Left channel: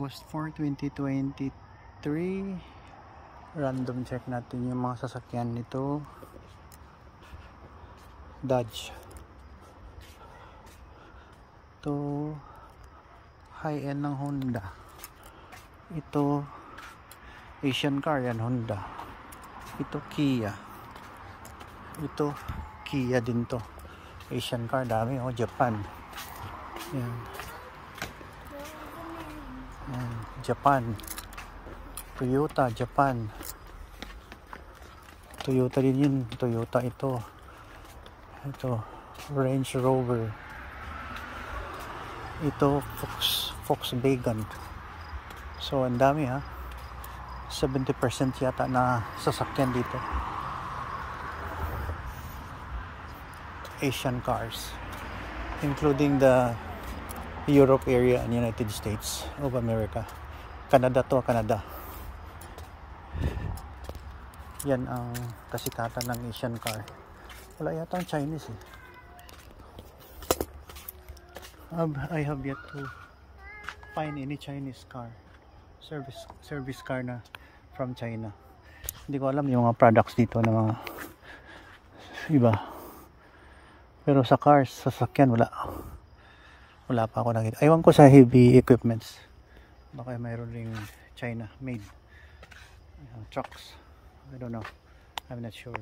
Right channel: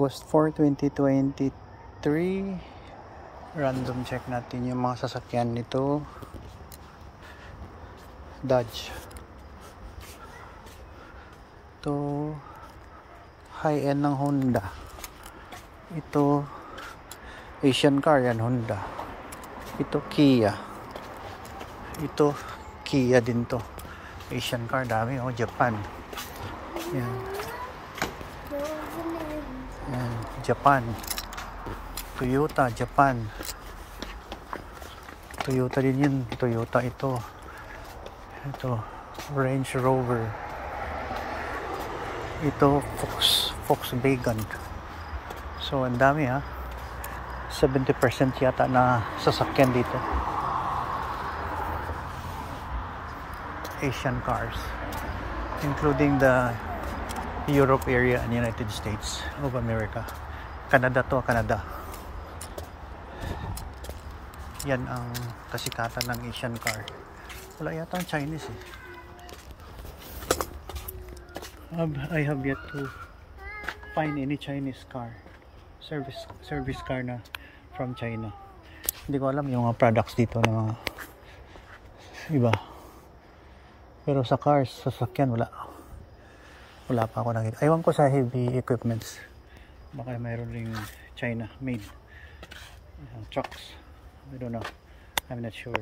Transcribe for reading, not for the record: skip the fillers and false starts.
August 4, 2023. Random check natin yung mga sasakyan nito. Dodge. Ito high-end ng Honda. Ito Asian car yan, Honda. Ito Kia. Ito Kia din to. Asian car, dami oh, Japan. Yan. Yan, Japan. Toyota, Japan. Toyota din yun. Toyota ito. Ito Range Rover. Ito Volkswagen. So ang dami ha. 70% yata na sasakyan dito. Asian cars, including the Europe area and United States of America. Canada to, Canada. Yan ang kasikatan ng Asian car. Wala yata ang Chinese eh. I have yet to find any Chinese car, service car na from China. Hindi ko alam yung mga products dito na mga iba. Pero sa cars, sasakyan, wala pa ako nakita. Aywan ko sa heavy equipments. Baka mayroon ring China made trucks. I don't know. I'm not sure.